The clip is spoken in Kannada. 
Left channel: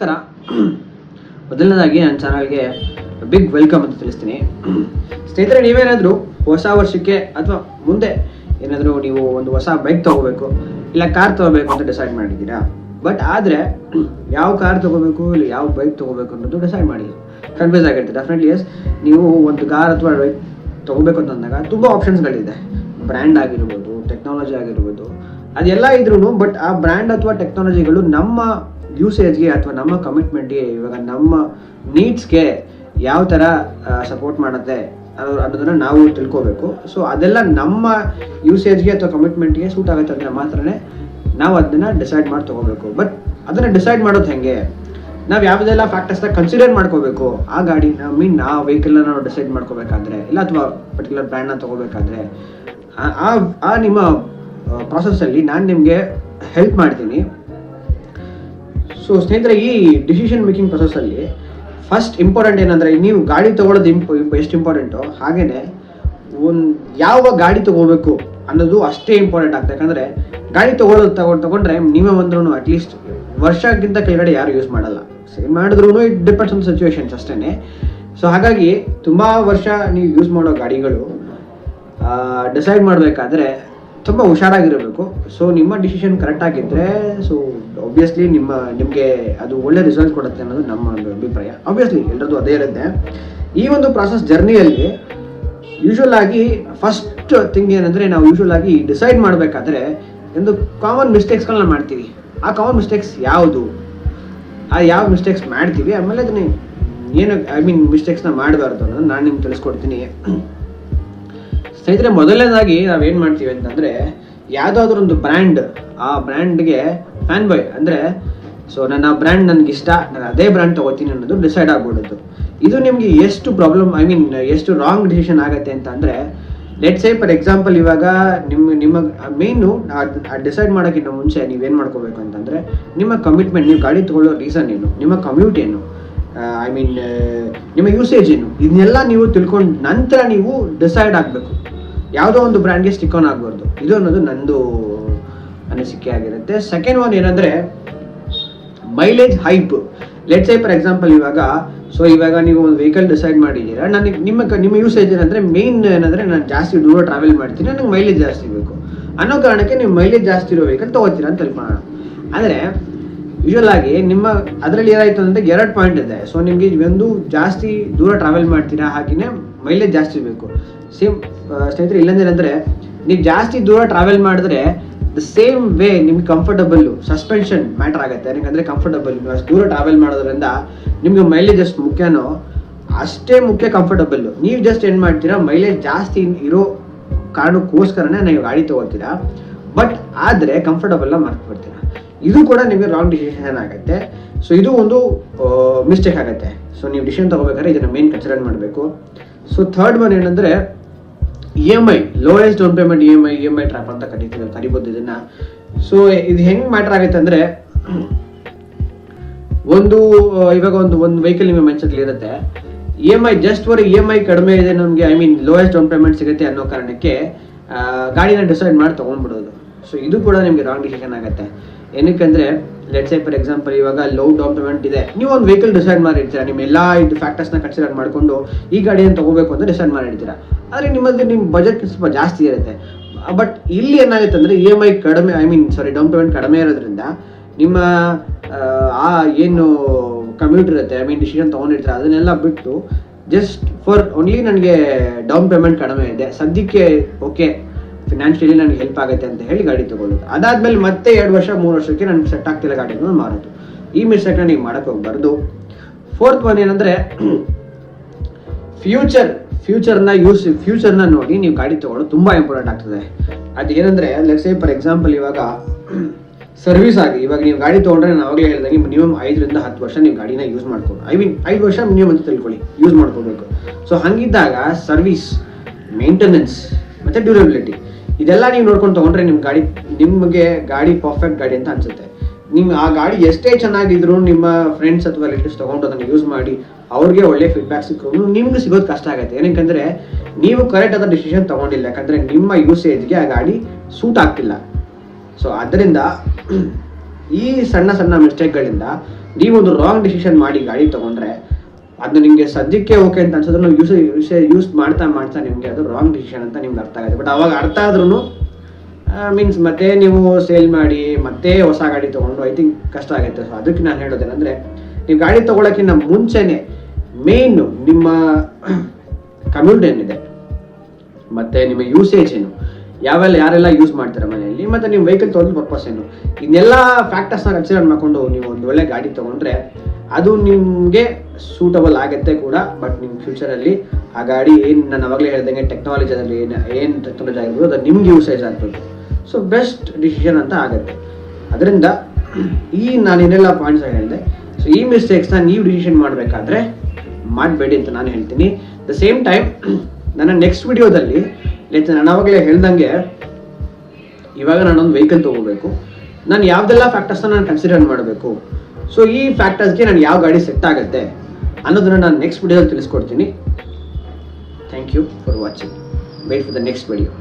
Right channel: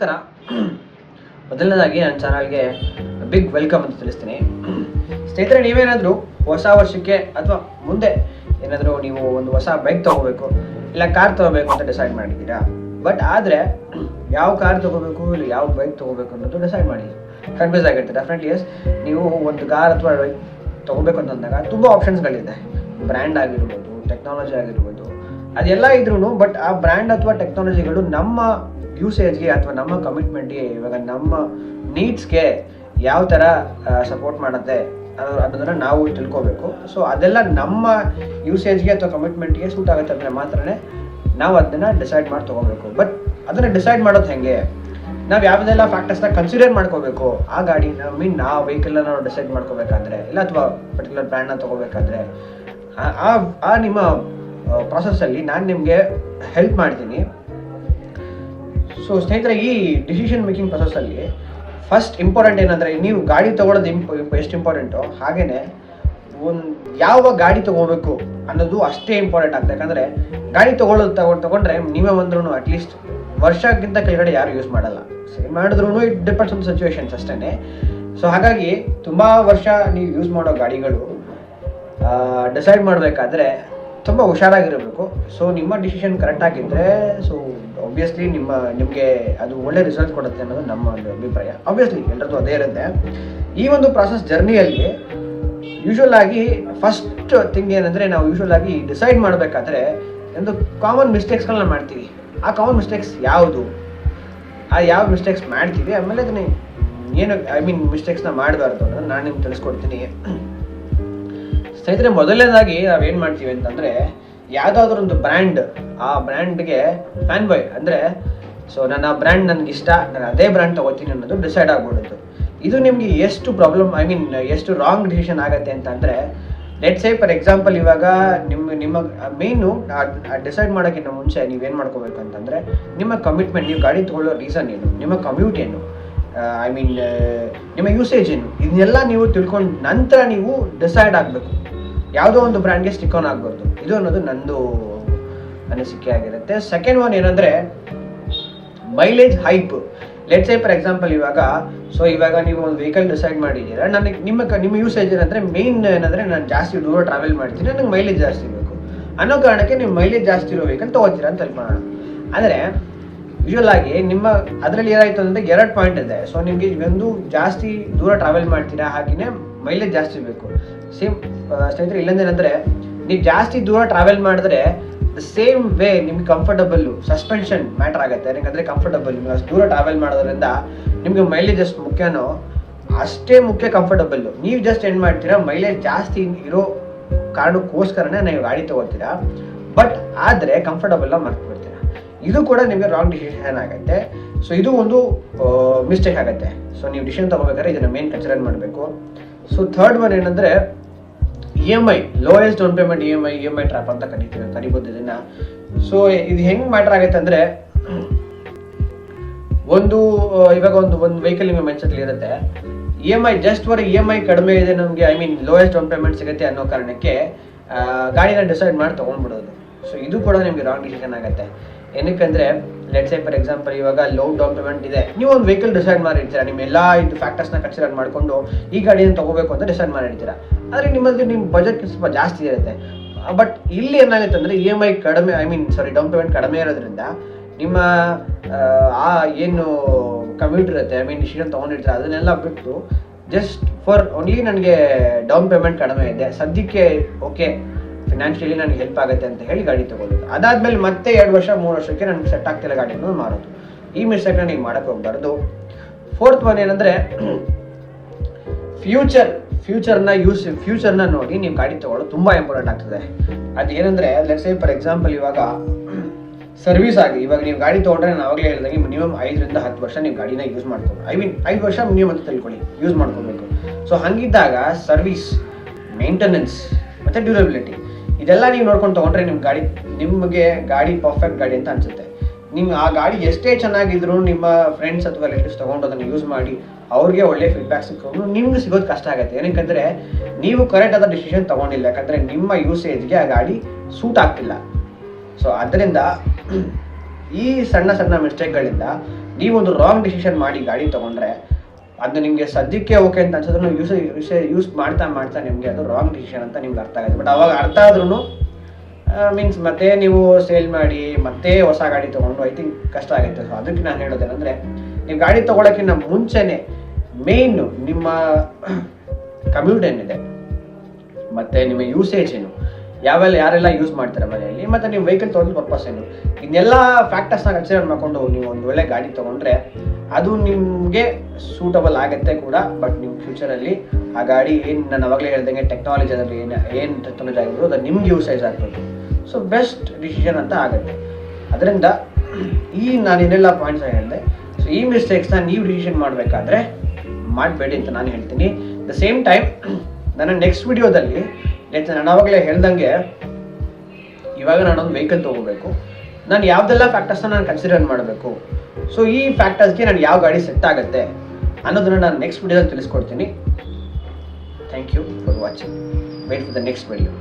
ನಮಸ್ಕಾರ. ಮೊದಲನೇದಾಗಿ ನನ್ನ ಚಾನಲ್ಗೆ ಬಿಗ್ ವೆಲ್ಕಮ್ ಅಂತ ತಿಳಿಸ್ತೀನಿ. ಸ್ನೇಹಿತರೆ, ನೀವೇನಾದರೂ ಹೊಸ ವರ್ಷಕ್ಕೆ ಅಥವಾ ಮುಂದೆ ಏನಾದರೂ ನೀವು ಒಂದು ಹೊಸ ಬೈಕ್ ತೊಗೋಬೇಕು ಇಲ್ಲ ಕಾರ್ ತೊಗೋಬೇಕು ಅಂತ ಡಿಸೈಡ್ ಮಾಡಿದ್ದೀರಾ. ಬಟ್ ಆದರೆ ಯಾವ ಕಾರ್ ತೊಗೋಬೇಕು ಇಲ್ಲ ಯಾವ ಬೈಕ್ ತೊಗೋಬೇಕು ಅನ್ನೋದು ಡಿಸೈಡ್ ಮಾಡಿ ಕನ್ಫ್ಯೂಸ್ ಆಗಿರುತ್ತೆ. ಡೆಫಿನೆಟ್ಲಿ ಎಸ್, ನೀವು ಒಂದು ಕಾರ್ ಅಥವಾ ಬೈಕ್ ತೊಗೋಬೇಕು ಅಂತಂದಾಗ ತುಂಬ ಆಪ್ಷನ್ಸ್ಗಳಿದೆ. ಬ್ರ್ಯಾಂಡ್ ಆಗಿರ್ಬೋದು, ಟೆಕ್ನಾಲಜಿ ಆಗಿರ್ಬೋದು, ಅದೆಲ್ಲ ಇದ್ರೂ ಬಟ್ ಆ ಬ್ರ್ಯಾಂಡ್ ಅಥವಾ ಟೆಕ್ನಾಲಜಿಗಳು ನಮ್ಮ ಯೂಸೇಜ್ಗೆ ಅಥವಾ ನಮ್ಮ ಕಮಿಟ್ಮೆಂಟ್ಗೆ, ಇವಾಗ ನಮ್ಮ ನೀಡ್ಸ್ಗೆ ಯಾವ ಥರ ಸಪೋರ್ಟ್ ಮಾಡುತ್ತೆ ಅನ್ನೋದನ್ನು ನಾವು ತಿಳ್ಕೋಬೇಕು. ಸೊ ಅದೆಲ್ಲ ನಮ್ಮ ಯೂಸೇಜ್ಗೆ ಅಥವಾ ಕಮಿಟ್ಮೆಂಟ್ಗೆ ಸೂಟ್ ಆಗುತ್ತೆ ಅಂದರೆ ಮಾತ್ರನೇ ನಾವು ಅದನ್ನು ಡಿಸೈಡ್ ಮಾಡಿ ತೊಗೋಬೇಕು. ಬಟ್ ಅದನ್ನು ಡಿಸೈಡ್ ಮಾಡೋದು ಹೇಗೆ, ನಾವು ಯಾವುದೆಲ್ಲ ಫ್ಯಾಕ್ಟರ್ಸ್ನ ಕನ್ಸಿಡರ್ ಮಾಡ್ಕೋಬೇಕು ಆ ಗಾಡಿನ ಆ ವೆಹಿಕಲ್ನ ನಾವು ಡಿಸೈಡ್ ಮಾಡ್ಕೋಬೇಕಾದ್ರೆ, ಇಲ್ಲ ಅಥವಾ ಪರ್ಟಿಕ್ಯುಲರ್ ಬ್ರ್ಯಾಂಡ್ನ ತೊಗೋಬೇಕಾದ್ರೆ ಆ ನಿಮ್ಮ ಪ್ರಾಸೆಸ್ಸಲ್ಲಿ ನಾನು ನಿಮಗೆ ಹೆಲ್ಪ್ ಮಾಡ್ತೀನಿ. ಸೊ ಸ್ನೇಹಿತರೆ, ಈ ಡಿಸಿಷನ್ ಮೇಕಿಂಗ್ ಪ್ರೊಸೆಸ್ಸಲ್ಲಿ ಫಸ್ಟ್ ಇಂಪಾರ್ಟೆಂಟ್ ಏನಂದರೆ, ನೀವು ಗಾಡಿ ತೊಗೊಳೋದು ಎಷ್ಟು ಇಂಪಾರ್ಟೆಂಟೋ ಹಾಗೆಯೇ ಯಾವ ಗಾಡಿ ತೊಗೋಬೇಕು ಅನ್ನೋದು ಅಷ್ಟೇ ಇಂಪಾರ್ಟೆಂಟ್ ಆಗ್ತದೆ. ಯಾಕಂದರೆ ಗಾಡಿ ತೊಗೊಂಡ್ರೆ ನೀವೇ ಬಂದ್ರೂ ಅಟ್ಲೀಸ್ಟ್ ವರ್ಷಕ್ಕಿಂತ ಕೆಳಗಡೆ ಯಾರು ಯೂಸ್ ಮಾಡಲ್ಲ. ಮಾಡಿದ್ರೂ ಇಟ್ ಡಿಪೆಂಡ್ಸ್ ಆನ್ ಸಿಚುವೇಶನ್ಸ್ ಅಷ್ಟೇ. ಸೊ ಹಾಗಾಗಿ ತುಂಬ ವರ್ಷ ನೀವು ಯೂಸ್ ಮಾಡೋ ಗಾಡಿಗಳು ಡಿಸೈಡ್ ಮಾಡಬೇಕಾದ್ರೆ ತುಂಬ ಹುಷಾರಾಗಿರಬೇಕು. ಸೊ ನಿಮ್ಮ ಡಿಸಿಷನ್ ಕರೆಕ್ಟಾಗಿದ್ದರೆ ಸೊ ಆಬ್ವಿಯಸ್ಲಿ ನಿಮಗೆ ಅದು ಒಳ್ಳೆ ರಿಸಲ್ಟ್ ಕೊಡುತ್ತೆ ಅನ್ನೋದು ನಮ್ಮ ಒಂದು ಅಭಿಪ್ರಾಯ. ಆಬ್ವಿಯಸ್ಲಿ ಎಲ್ಲರದ್ದು ಅದೇ ಇರುತ್ತೆ. ಈ ಒಂದು ಪ್ರಾಸೆಸ್ ಜರ್ನಿಯಲ್ಲಿ ಯೂಶ್ವಲ್ ಆಗಿ ಫಸ್ಟ್ ಥಿಂಗ್ ಏನಂದರೆ, ನಾವು ಯೂಶ್ವಲ್ ಆಗಿ ಡಿಸೈಡ್ ಮಾಡಬೇಕಾದ್ರೆ ಒಂದು ಕಾಮನ್ ಮಿಸ್ಟೇಕ್ಸ್ಗಳನ್ನ ಮಾಡ್ತೀವಿ. ಆ ಕಾಮನ್ ಮಿಸ್ಟೇಕ್ಸ್ ಯಾವುದು, ಯಾವ ಮಿಸ್ಟೇಕ್ಸ್ ಮಾಡ್ತೀವಿ, ಆಮೇಲೆ ಅದನ್ನ ಏನು ಮಿಸ್ಟೇಕ್ಸ್ನ ಮಾಡಬಾರ್ದು ಅನ್ನೋದು ನಾನು ನಿಮ್ಗೆ ತಿಳಿಸ್ಕೊಡ್ತೀನಿ. ಸ್ನೇಹಿತರೆ, ಮೊದಲನೇದಾಗಿ ನಾವೇನು ಮಾಡ್ತೀವಿ ಅಂತಂದರೆ, ಯಾವುದಾದ್ರೂ ಒಂದು ಬ್ರ್ಯಾಂಡ್, ಆ ಬ್ರ್ಯಾಂಡ್ಗೆ ಫ್ಯಾನ್ ಬಾಯ್ ಅಂದರೆ, ಸೊ ನನ್ನ ಬ್ರ್ಯಾಂಡ್ ನನಗಿಷ್ಟ, ನಾನು ಅದೇ ಬ್ರ್ಯಾಂಡ್ ತೊಗೋತೀನಿ ಅನ್ನೋದು ಡಿಸೈಡ್ ಆಗ್ಬಿಡೋದು. ಇದು ನಿಮಗೆ ಎಷ್ಟು ಪ್ರಾಬ್ಲಮ್, ಎಷ್ಟು ರಾಂಗ್ ಡಿಸಿಷನ್ ಆಗುತ್ತೆ ಅಂತ ಅಂದರೆ, ಲೆಟ್ಸ್ ಸೇ ಫಾರ್ ಎಕ್ಸಾಂಪಲ್, ಇವಾಗ ನಿಮ್ಮ ಮೇಯ್ನು ಡಿಸೈಡ್ ಮಾಡೋಕ್ಕಿಂತ ಮುಂಚೆ ನೀವೇನು ಮಾಡ್ಕೋಬೇಕು ಅಂತಂದರೆ, ನಿಮ್ಮ ಕಮಿಟ್ಮೆಂಟ್, ನೀವು ಗಾಡಿ ತೊಗೊಳ್ಳೋ ರೀಸನ್ ಏನು, ನಿಮ್ಮ ಕಮ್ಯೂಟ್ ಏನು, ನಿಮ್ಮ ಯೂಸೇಜ್ ಏನು, ಇದನ್ನೆಲ್ಲ ನೀವು ತಿಳ್ಕೊಂಡು ನಂತರ ನೀವು ಡಿಸೈಡ್ ಆಗಬೇಕು. ಯಾವುದೋ ಒಂದು ಬ್ರ್ಯಾಂಡ್ಗೆ ಸ್ಟಿಕ್ ಆನ್ ಆಗ್ಬಾರ್ದು. ಇದು ಅನ್ನೋದು ನಂದು ಅನಿಸಿಕೆ ಆಗಿರುತ್ತೆ. ಸೆಕೆಂಡ್ ಒನ್ ಏನಂದರೆ, mileage hype. Let's say for example, ಇವಾಗ ನೀವು ಒಂದು ವೆಹಿಕಲ್ ಡಿಸೈಡ್ ಮಾಡಿದ್ದೀರಾ, ನಿಮ್ಮ ಯೂಸೇಜ್ ಏನಂದರೆ, ಮೇನ್ ಏನಂದರೆ, ನಾನು ಜಾಸ್ತಿ ದೂರ ಟ್ರಾವೆಲ್ ಮಾಡ್ತೀನಿ, ನನಗೆ ಮೈಲೇಜ್ ಜಾಸ್ತಿ ಬೇಕು ಅನ್ನೋ ಕಾರಣಕ್ಕೆ ನೀವು ಮೈಲೇಜ್ ಜಾಸ್ತಿ ಇರೋ ವೆಹಿಕಲ್ ತೊಗೋತೀರಾ ಅಂತ ತಿಳ್ಕೊಳ್ಳೋಣ. ಆದರೆ ಯೂಶ್ವಲ್ ಆಗಿ ಅದರಲ್ಲಿ ಏನಾಯಿತು ಅಂದರೆ, 2 ಪಾಯಿಂಟ್ ಇದೆ. ಸೊ ನಿಮಗೆ ಒಂದು ಜಾಸ್ತಿ ದೂರ ಟ್ರಾವೆಲ್ ಮಾಡ್ತೀರಾ, ಹಾಗೆಯೇ ಮೈಲೇಜ್ ಜಾಸ್ತಿ ಬೇಕು. ಸೇಮ್ ಸ್ನೇಹಿತರೆ, ಇಲ್ಲಂದೇನೆಂದರೆ, ನೀವು ಜಾಸ್ತಿ ದೂರ ಟ್ರಾವೆಲ್ ಮಾಡಿದ್ರೆ ದ ಸೇಮ್ ವೇ ನಿಮ್ಗೆ ಕಂಫರ್ಟಬಲ್ಲು, ಸಸ್ಪೆನ್ಷನ್ ಮ್ಯಾಟ್ರ್ ಆಗುತ್ತೆ. ಯಾಕಂದರೆ ಕಂಫರ್ಟಬಲ್, ಅಷ್ಟು ದೂರ ಟ್ರಾವೆಲ್ ಮಾಡೋದ್ರಿಂದ ನಿಮಗೆ ಮೈಲೇಜ್ ಎಷ್ಟು ಮುಖ್ಯನೋ ಅಷ್ಟೇ ಮುಖ್ಯ ಕಂಫರ್ಟಬಲ್ಲು. ನೀವು ಜಸ್ಟ್ ಏನು ಮಾಡ್ತೀರಾ, ಮೈಲೇಜ್ ಜಾಸ್ತಿ ಇರೋ ಕಾರಣಕ್ಕೋಸ್ಕರನೇ ನೀವು ಗಾಡಿ ತೊಗೊಳ್ತೀರಾ, ಬಟ್ ಆದರೆ ಕಂಫರ್ಟಬಲ್ನ ಮರ್ತ್ಬಿಡ್ತೀರಾ. ಇದು ಕೂಡ ನಿಮಗೆ ರಾಂಗ್ ಡಿಸಿಷನ್ ಆಗುತ್ತೆ. ಸೊ ಇದು ಒಂದು ಮಿಸ್ಟೇಕ್ ಆಗುತ್ತೆ. ಸೊ ನೀವು ಡಿಸಿಷನ್ ತೊಗೋಬೇಕಾದ್ರೆ ಇದನ್ನು ಮೇನ್ ಕನ್ಸಿಡರ್ ಮಾಡಬೇಕು. ಸೊ ಥರ್ಡ್ ಒನ್ ಏನಂದರೆ, EMI, lowest down payment EMI trap ಅಂತ ಕರಿಬೋದು ಇದನ್ನು. ಸೊ ಇದು ಹೆಂಗೆ ಮ್ಯಾಟ್ರ್ ಆಗುತ್ತೆ ಅಂದರೆ, ಇವಾಗ ಒಂದು ವೆಹಿಕಲ್ ನಿಮ್ಮ ಮೈಂಡ್ಸೆಟ್ಲಿ ಇರುತ್ತೆ, EMI ಜಸ್ಟ್ ಫಾರ್ EMI ಕಡಿಮೆ ಇದೆ ನಮಗೆ, ಲೋಯೆಸ್ಟ್ ಡೌನ್ ಪೇಮೆಂಟ್ ಸಿಗುತ್ತೆ ಅನ್ನೋ ಕಾರಣಕ್ಕೆ ಗಾಡಿನ ಡಿಸೈಡ್ ಮಾಡಿ ತೊಗೊಂಡ್ಬಿಡೋದು. ಸೊ ಇದು ಕೂಡ ನಿಮಗೆ ರಾಂಗ್ ಡಿಸಿಷನ್ ಆಗುತ್ತೆ. ಏನಕ್ಕಂದರೆ, ಲೆಟ್ಸ್ ಸೇ ಫಾರ್ ಎಕ್ಸಾಂಪಲ್, ಇವಾಗ ಲೋ ಡೌನ್ ಪೇಮೆಂಟ್ ಇದೆ, ನೀವು ಒಂದು ವೆಹಿಕಲ್ ಡಿಸೈಡ್ ಮಾಡಿರ್ತೀರ, ನಿಮ್ಮ ಎಲ್ಲ ಇದು ಫ್ಯಾಕ್ಟರ್ಸ್ನ ಕನ್ಸಿಡರ್ ಮಾಡಿಕೊಂಡು ಈ ಗಾಡಿಯನ್ನು ತೊಗೋಬೇಕು ಅಂತ ಡಿಸೈಡ್ ಮಾಡಿರ್ತೀರ. ಆದರೆ ನಿಮ್ಮ ಬಜೆಟ್ ಸ್ವಲ್ಪ ಜಾಸ್ತಿ ಇರುತ್ತೆ. ಬಟ್ ಇಲ್ಲಿ ಏನಾಗುತ್ತೆ ಅಂದರೆ, EMI ಕಡಿಮೆ, ಡೌನ್ ಪೇಮೆಂಟ್ ಕಡಿಮೆ ಇರೋದ್ರಿಂದ ನಿಮ್ಮ ಏನು ಕಮ್ಯೂಟ್ ಇರುತ್ತೆ, ಡಿಸಿಷನ್ ತೊಗೊಂಡಿರ್ತೀರ, ಅದನ್ನೆಲ್ಲ ಬಿಟ್ಟು ಜಸ್ಟ್ ಫಾರ್ ಓನ್ಲಿ ನನಗೆ ಡೌನ್ ಪೇಮೆಂಟ್ ಕಡಿಮೆ ಇದೆ, ಸದ್ಯಕ್ಕೆ ಓಕೆ ಫಿನಾನ್ಷಿಯಲಿ ನನಗೆ ಹೆಲ್ಪ್ ಆಗುತ್ತೆ ಅಂತ ಹೇಳಿ ಗಾಡಿ ತೊಗೊಳ್ಳೋದು. ಅದಾದಮೇಲೆ ಮತ್ತೆ 2 ವರ್ಷ 3 ವರ್ಷಕ್ಕೆ ನನಗೆ ಸೆಟ್ ಆಗ್ತಿಲ್ಲ ಗಾಡಿನ ಮಾರೋದು. ಈ ಮಿಸ್ಟೇಕ್ನ ನೀವು ಮಾಡೋಕ್ಕೆ ಹೋಗ್ಬಾರ್ದು. ಫೋರ್ತ್ ಒನ್ ಏನಂದರೆ, ಫ್ಯೂಚರ್ನ ನೋಡಿ ನೀವು ಗಾಡಿ ತೊಗೊಳ್ಳೋದು ತುಂಬ ಇಂಪಾರ್ಟೆಂಟ್ ಆಗ್ತದೆ. ಅದು ಏನಂದರೆ, ಲೆಟ್ಸ್ ಸೇ ಫಾರ್ ಎಕ್ಸಾಂಪಲ್, ಇವಾಗ ಸರ್ವಿಸ್ ಆಗಿ, ಇವಾಗ ನೀವು ಗಾಡಿ ತೊಗೊಂಡ್ರೆ ನಾನು ಆವಾಗಲೇ ಹೇಳಿದಾಗೆ ಮಿನಿಮಮ್ 5 ರಿಂದ 10 ವರ್ಷ ನೀವು ಗಾಡಿನ ಯೂಸ್ ಮಾಡ್ಕೊಂಡು, 5 ವರ್ಷ ಮಿನಿಮಮ್ ಅಂತ ತಿಳ್ಕೊಳ್ಳಿ, ಯೂಸ್ ಮಾಡ್ಕೋಬೇಕು. ಸೊ ಹಾಗಿದ್ದಾಗ ಸರ್ವಿಸ್, ಮೇಂಟೆನೆನ್ಸ್ ಮತ್ತು ಡ್ಯೂರಬಿಲಿಟಿ ಇದೆಲ್ಲ ನೀವು ನೋಡ್ಕೊಂಡು ತೊಗೊಂಡ್ರೆ ನಿಮಗೆ ಗಾಡಿ ಪರ್ಫೆಕ್ಟ್ ಗಾಡಿ ಅಂತ ಅನಿಸುತ್ತೆ. ಆ ಗಾಡಿ ಎಷ್ಟೇ ಚೆನ್ನಾಗಿದ್ರು, ನಿಮ್ಮ ಫ್ರೆಂಡ್ಸ್ ಅಥವಾ ರಿಲೇಟಿವ್ಸ್ ತೊಗೊಂಡು ಅದನ್ನು ಯೂಸ್ ಮಾಡಿ ಅವ್ರಿಗೆ ಒಳ್ಳೆ ಫೀಡ್ಬ್ಯಾಕ್ ಸಿಕ್ಕೊಂಡು ನಿಮ್ಗೆ ಸಿಗೋದು ಕಷ್ಟ ಆಗುತ್ತೆ. ಏನಕ್ಕಂದರೆ ನೀವು ಕರೆಕ್ಟ್ ಆದ ಡಿಸಿಷನ್ ತೊಗೊಂಡಿಲ್ಲ, ಯಾಕಂದರೆ ನಿಮ್ಮ ಯೂಸೇಜ್ಗೆ ಆ ಗಾಡಿ ಸೂಟ್ ಆಗ್ತಿಲ್ಲ. ಸೊ ಅದರಿಂದ ಈ ಸಣ್ಣ ಮಿಸ್ಟೇಕ್ಗಳಿಂದ ನೀವೊಂದು ರಾಂಗ್ ಡಿಸಿಷನ್ ಮಾಡಿ ಗಾಡಿ ತೊಗೊಂಡ್ರೆ ಅದು ನಿಮಗೆ ಸದ್ಯಕ್ಕೆ ಓಕೆ ಅಂತ ಅನ್ಸಿದ್ರು ಯೂಸ್ ಮಾಡ್ತಾ ನಿಮಗೆ ಅದು ರಾಂಗ್ ಡಿಸಿಷನ್ ಅಂತ ನಿಮ್ಗೆ ಅರ್ಥ ಆಗುತ್ತೆ. ಬಟ್ ಅವಾಗ ಅರ್ಥ ಆದ್ರೂ ಮೀನ್ಸ್ ಮತ್ತೆ ನೀವು ಸೇಲ್ ಮಾಡಿ ಮತ್ತೆ ಹೊಸ ಗಾಡಿ ತೊಗೊಂಡು ಐ ಥಿಂಕ್ ಕಷ್ಟ ಆಗುತ್ತೆ. ಸೊ ಅದಕ್ಕೆ ನಾನು ಹೇಳೋದೇನೆಂದರೆ, ನೀವು ಗಾಡಿ ತೊಗೊಳಕ್ಕಿಂತ ಮುಂಚೆನೇ ಮೇಯ್ನು ನಿಮ್ಮ ಕಮ್ಯೂಟ್ ಏನಿದೆ ಮತ್ತು ನಿಮ್ಮ ಯೂಸೇಜ್ ಏನು, ಯಾರೆಲ್ಲ ಯೂಸ್ ಮಾಡ್ತಾರೆ ಮನೆಯಲ್ಲಿ, ಮತ್ತು ನಿಮ್ಮ ವೆಹಿಕಲ್ ತೊಗೊಂಡು ಪರ್ಪಸ್ ಏನು, ಇದನ್ನೆಲ್ಲ ಫ್ಯಾಕ್ಟರ್ಸ್ನ ಕನ್ಸಿಡರ್ ಮಾಡಿಕೊಂಡು ನೀವು ಒಂದು ಒಳ್ಳೆ ಗಾಡಿ ತೊಗೊಂಡ್ರೆ ಅದು ನಿಮಗೆ ಸೂಟಬಲ್ ಆಗುತ್ತೆ ಕೂಡ. ಬಟ್ ನಿಮ್ಮ ಫ್ಯೂಚರಲ್ಲಿ ಆ ಗಾಡಿ ಏನು ನಾನು ಅವಾಗಲೇ ಹೇಳ್ದಂಗೆ ಟೆಕ್ನಾಲಜಿಯಲ್ಲಿ ಏನು ಟೆಕ್ನಾಲಜಿ ಆಗಿರ್ಬೋದು ಅದು ನಿಮ್ಗೆ ಯೂಸೇಜ್ ಆಗಬೇಕು. ಸೊ ಬೆಸ್ಟ್ ಡಿಸಿಷನ್ ಅಂತ ಆಗುತ್ತೆ. ಅದರಿಂದ ನಾನು ಏನೆಲ್ಲ ಪಾಯಿಂಟ್ಸ್ ಹೇಳಿದೆ, ಸೊ ಈ ಮಿಸ್ಟೇಕ್ಸ್ನ ನೀವು ಡಿಸಿಷನ್ ಮಾಡಬೇಕಾದ್ರೆ ಮಾಡಬೇಡಿ ಅಂತ ನಾನು ಹೇಳ್ತೀನಿ. ದ ಸೇಮ್ ಟೈಮ್ ನನ್ನ ನೆಕ್ಸ್ಟ್ ವಿಡಿಯೋದಲ್ಲಿ ನಾನು ಆವಾಗಲೇ ಹೇಳ್ದಂಗೆ ಇವಾಗ ನಾನೊಂದು ವೆಹಿಕಲ್ ತೊಗೋಬೇಕು, ನಾನು ಯಾವುದೆಲ್ಲ ಫ್ಯಾಕ್ಟರ್ಸ್ನ ನಾನು ಕನ್ಸಿಡರ್ ಮಾಡಬೇಕು, ಸೊ ಈ ಫ್ಯಾಕ್ಟರ್ಸ್ಗೆ ನಾನು ಯಾವ ಗಾಡಿ ಸೆಟ್ ಆಗುತ್ತೆ ಅನ್ನೋದನ್ನು ನಾನು ನೆಕ್ಸ್ಟ್ ವಿಡಿಯೋದಲ್ಲಿ ತಿಳಿಸ್ಕೊಡ್ತೀನಿ. Thank you for watching. Wait for the next video.